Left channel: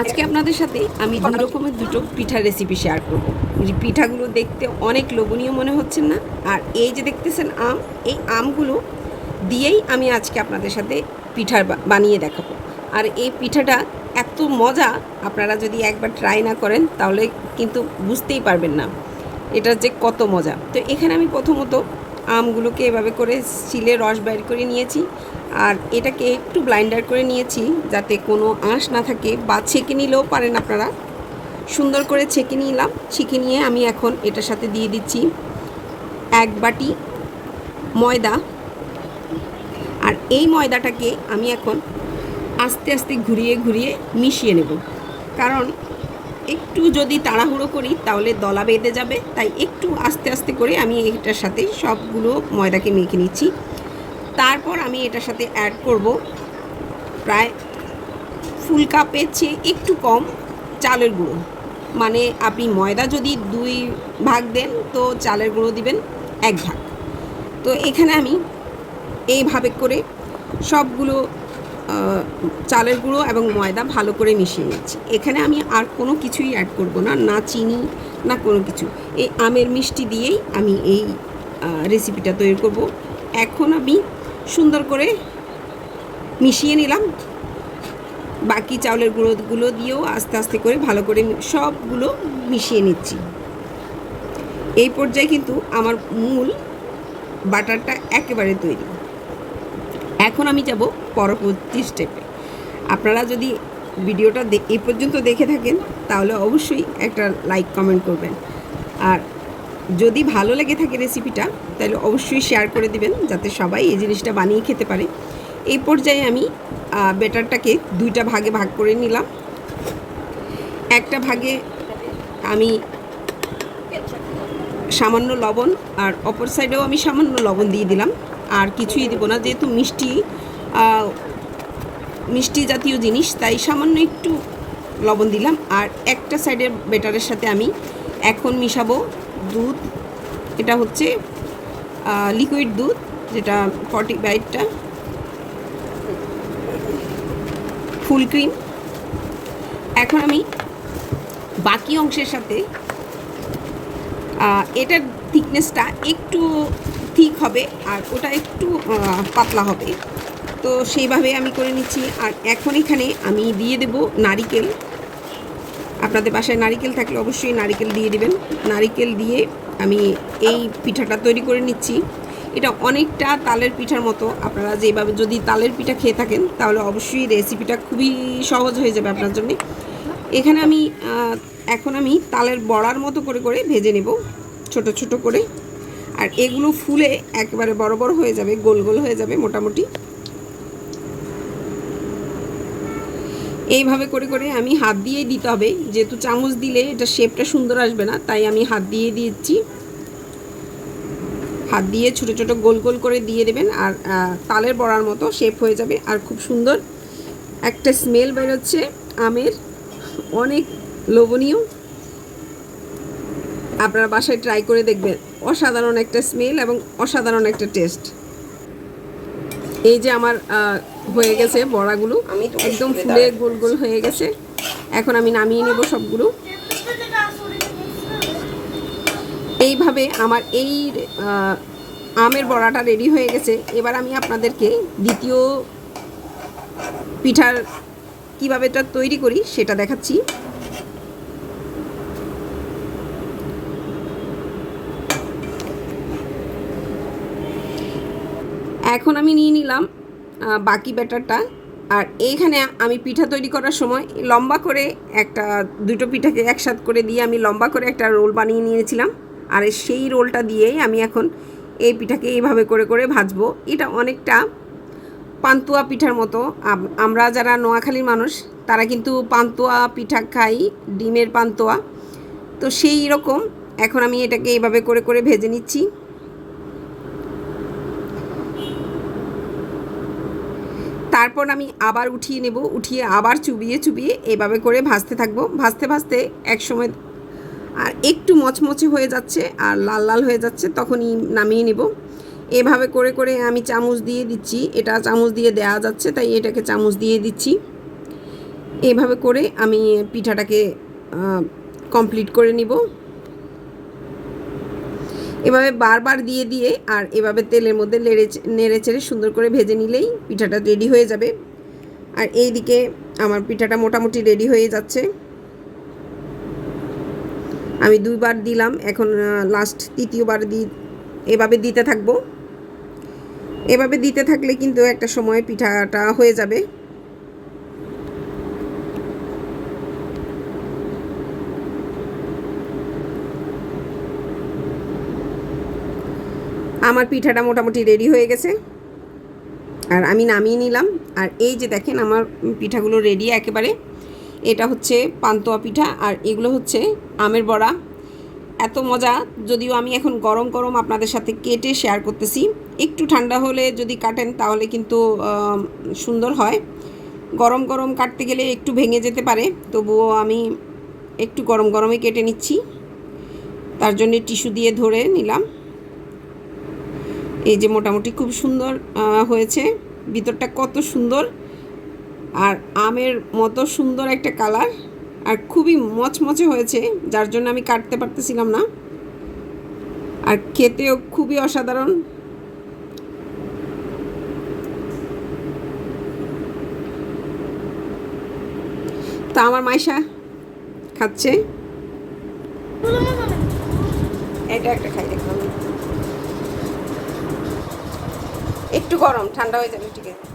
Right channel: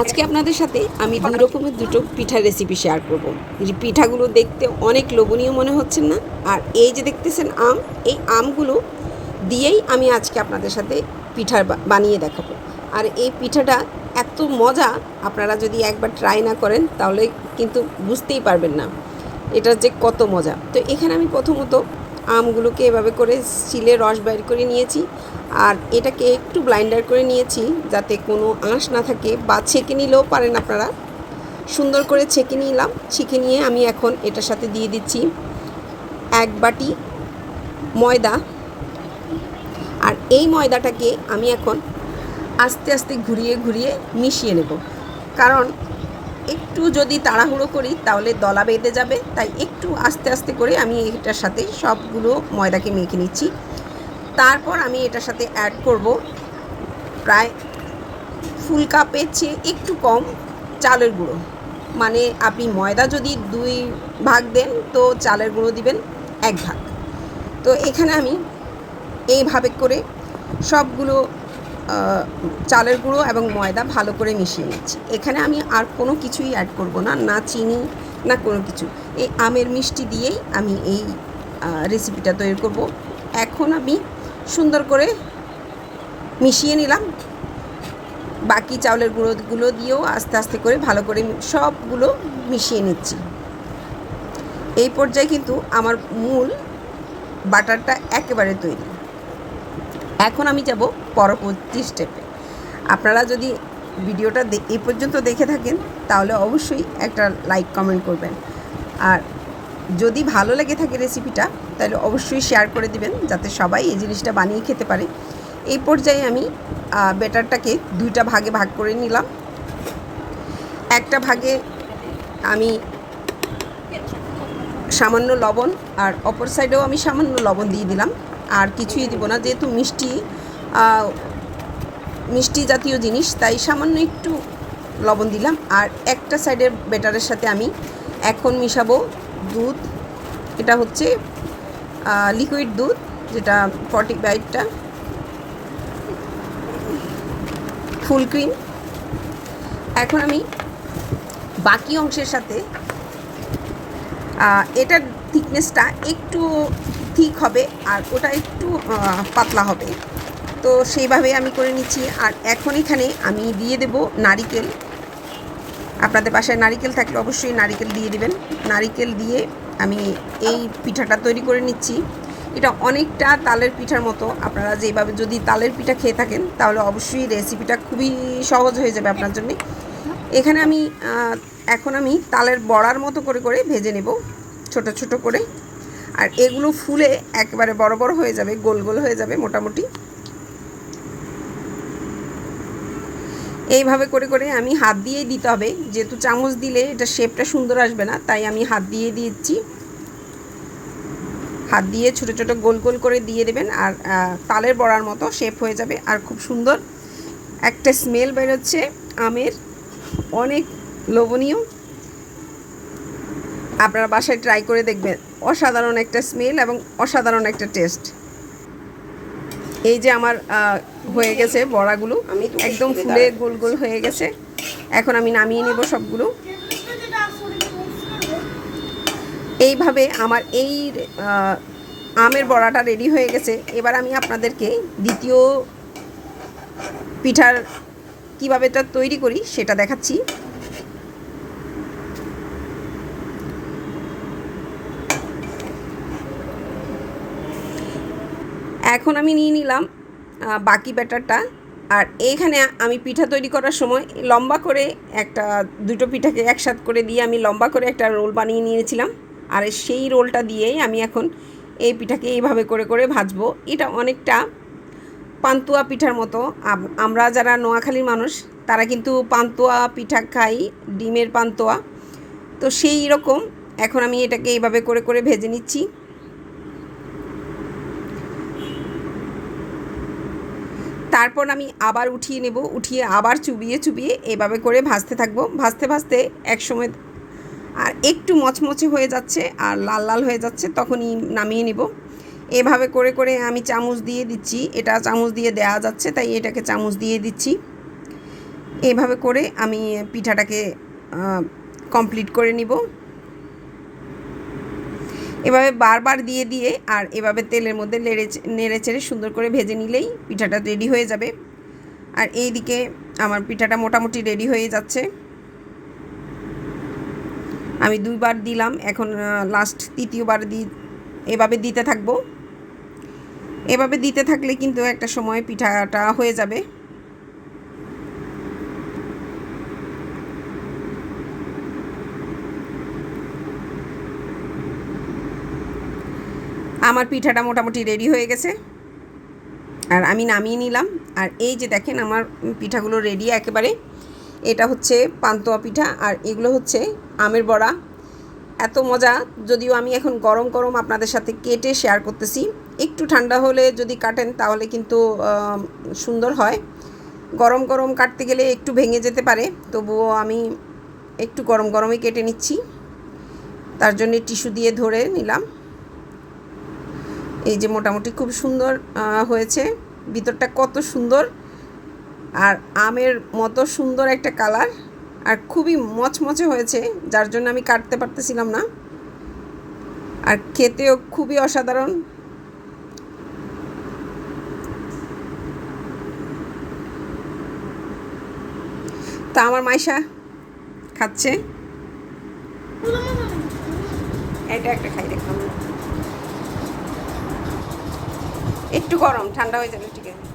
আজকে আপনাদের সাথে আমি দুই রকমের দুটো পিঠার রেসিপি শেয়ার করব। যে পিঠাগুলো দেখতে অনেক লোভনীয় মনে হচ্ছে না? আর এই যে দেখতেছেন আম, এই আমগুলো দিয়েই আমি আজকে আপনাদের সাথে পিঠা বানিয়ে দেখাবো। আর এই পিঠাটা এত মজা, আপনারা যদি একবার ট্রাই না করেন তাহলে কিন্তু বুঝতেই পারবেন না এটা যে কত মজা। তো এখানে আমি প্রথমত আমগুলোকে এভাবে করে শিলে রস বের করে নিয়েছি, আর এটাকে একটু ব্লাইন্ডার করে নিয়েছি যাতে কোনো আঁশ না থাকে, বা ছেঁকে নিলেও পারেন আপনারা। সুন্দর করে ছেঁকে নিলাম। ছেঁকে নিয়ে আমি এখন এটার সাথে দিয়ে দিচ্ছি 1 বাটি ময়দা। আর এই ময়দাটাকে আমি এখন আস্তে আস্তে ঘুরিয়ে ঘুরিয়ে মিশিয়ে নেব, কারণ একটু যদি তাড়াহুড়ো করি তাহলে দলা বেঁধে যাবে। তাই একটু আস্তে আস্তে করে আমি এটার সাথে সবগুলো ময়দাকে মেখে নিচ্ছি। তারপর আমি এটার সাথে অ্যাড করব প্রায় ফুল কাপের চেয়ে একটু কম চালের গুঁড়ো। মানে আপনি ময়দা যদি 2 ভাগ দেন তো চালের গুঁড়ো দিবেন 1 ভাগ। তো এখানে আমি এইভাবে করে সবগুলো চালের গুঁড়ো এবং ময়দা ভালো করে মিশিয়ে নিচ্ছি। এখানে আমি আর কোনো কিছুই অ্যাড করব না, না চিনি না কোনো কিছু। এই আমের মিষ্টি দিয়েই আমি এই রেসিপিটা তৈরি করব। এখন আমি সুন্দর করে মিশিয়ে নিলাম। বাকি চাউলের গুঁড়োগুলো দিয়েও আস্তে আস্তে করে ভালো করে সবগুলো মিশিয়ে নিচ্ছি। এই পর্যায়ে কিন্তু আমার মূল বাটারটা একেবারে তৈরি। এখন আমি যাব পরবর্তী স্টেপে। আপনারা যদি ভিডিওটা এই পর্যন্ত দেখে থাকেন তাহলে অবশ্যই একটা লাইক কমেন্ট করবেন, আর যদি ভালো লেগে থাকে রেসিপিটা তাহলে অবশ্যই শেয়ার করে দিবেন যাতে সবাই এই জিনিসটা বানিয়ে খেতে পারে। এই পর্যায়ে আমি ব্যাটারটাকে 2টা ভাগে ভাগ করে নিলাম। একটা ভাগে আমি সামান্য লবণ, আর অপর সাইডেও আমি সামান্য লবণ দিয়ে দিলাম। আর কিছুই দিব না, যেহেতু মিষ্টি জাতীয় জিনিস তাই সামান্য একটু লবণ দিলাম। আর একটা সাইডের ব্যাটারের সাথে আমি এখন মিশাবো দুধ। এটা হচ্ছে লিকুইড দুধ, যেটা 45টা ফুল ক্রিম। এখন আমি বাকি অংশের সাথে এটার থিকনেসটা একটু থিক হবে আর ওটা একটু পাতলা হবে, তো সেইভাবে আমি করে নিচ্ছি। আর এখন এখানে আমি দিয়ে দেব নারিকেল। আপনাদের বাসায় নারিকেল থাকলে অবশ্যই নারিকেল দিয়ে দিবেন। নারিকেল দিয়ে আমি এই পিঠাটা তৈরি করে নিচ্ছি। এটা অনেকটা তালের পিঠার মতো। আপনারা যেভাবে যদি তালের পিঠা খেয়ে থাকেন তাহলে অবশ্যই রেসিপিটা খুবই সহজ হয়ে যাবে আপনার জন্য। এখানে আমি এখন আমি তালের বড়ার মতো করে করে ভেজে নেব ছোট ছোট করে। আর এগুলো ফুলে একেবারে বড় বড় হয়ে যাবে, গোল গোল হয়ে যাবে মোটামুটি। এইভাবে করে করে আমি হাত দিয়েই দিতে হবে, যেহেতু চামচ দিলে এটা শেপটা সুন্দর আসবে না, তাই আমি হাত দিয়ে দিচ্ছি। হাত দিয়ে ছোট ছোট গোল গোল করে দিয়ে দেবেন, আর তালের বড়ার মতো শেপ হয়ে যাবে। আর খুব সুন্দর একটা স্মেল বেরোচ্ছে আমের, অনেক লোভনীয়। আপনারা বাসায় ট্রাই করে দেখবেন, অসাধারণ একটা স্মেল এবং অসাধারণ একটা টেস্ট। এই যে আমার হয়ে গেছে বড়াগুলো, একদম ফুলে গোল গোল হয়ে গেছে। এখন আমি নামিয়ে নেব সবগুলো। এইভাবে আমার এই আমের বড়াটা রেডি হয়ে গেছে। এবার আমি আপনাদেরকে দ্বিতীয় পিঠার কীভাবে এটা তৈরি করি সেটা দেখাচ্ছি। এখন আমি নিয়ে নিলাম বাকি ব্যাটারটা। আর এইখানে আমি পিঠা তৈরি করার সময় লম্বা করে দুটো পিঠাকে একসাথ করে দিয়ে আমি লম্বা করে একটা রোল বানিয়ে নিয়েছিলাম। আর সেই রোলটা দিয়েই আমি এখন এই পিঠাকে এইভাবে করে করে ভাজবো। এটা অনেকটা পান্তুয়া পিঠার মতো। আমরা যারা নোয়াখালীর মানুষ তারা কিন্তু পান্তুয়া পিঠা খাই, ডিমের পান্তুয়া। তো সেই রকম এখন আমি এটাকে এইভাবে করে করে ভেজে নিচ্ছি। তারপর আমি আবার উঠিয়ে নেব, উঠিয়ে আবার চুবিয়ে চুবিয়ে এভাবে করে ভাজতে থাকবো। ভাজতে ভাজতে একসময় আর একটু মচমচে হয়ে যাচ্ছে আর লাল লাল হয়ে যাচ্ছে, তখনই নামিয়ে নেব। এভাবে করে করে আমি চামচ দিয়ে দিচ্ছি। এটা চামচ দিয়ে দেওয়া যাচ্ছে তাই এটাকে চামচ দিয়ে দিচ্ছি। এইভাবে করে আমি পিঠাটাকে কমপ্লিট করে নিব। এভাবে বারবার দিয়ে দিয়ে আর এভাবে তেলের মধ্যে নেড়ে চেড়ে সুন্দর করে ভেজে নিলেই পিঠাটা রেডি হয়ে যাবে। আর এই দিকে আমার পিঠাটা মোটামুটি রেডি হয়ে যাচ্ছে। আমি 2বার দিলাম, এখন লাস্ট 3য়বার এভাবে দিতে থাকবো। এভাবে দিতে থাকলে কিন্তু একটা সময় পিঠাটা হয়ে যাবে। আমার পিঠাটা মোটামুটি রেডি হয়ে গেছে আর আমি নামিয়ে নিলাম। আর এই যে দেখেন আমার পিঠাগুলো রেডি একেবারে। এটা হচ্ছে পান্তুয়া পিঠা আর এগুলো হচ্ছে আমের বড়া। এত মজা, যদিও আমি এখন গরম গরম আপনাদের সাথে কেটে শেয়ার করতেছি। একটু ঠান্ডা হলে যদি কাটেন তাহলে কিন্তু সুন্দর হয়। গরম গরম কাটতে গেলে একটু ভেঙে যেতে পারে, তবুও আমি একটু গরম গরমই কেটে নিচ্ছি। তার জন্য টিস্যু দিয়ে ধরে নিলাম। এই যে মোটামুটি খুব সুন্দর হয়েছে, ভিতরটা কত সুন্দর আর আমের মতো সুন্দর একটা কালার, আর খুবই মচমচে হয়েছে, যার জন্য আমি কাটতে পারতেছিলাম না। আর খেতেও খুবই অসাধারণ। তা আমার মাইশা খাচ্ছে, এটা একটা খাই দেখলাম, একটু গরম, ঠান্ডা হয়ে যাবে ঠিক আছে।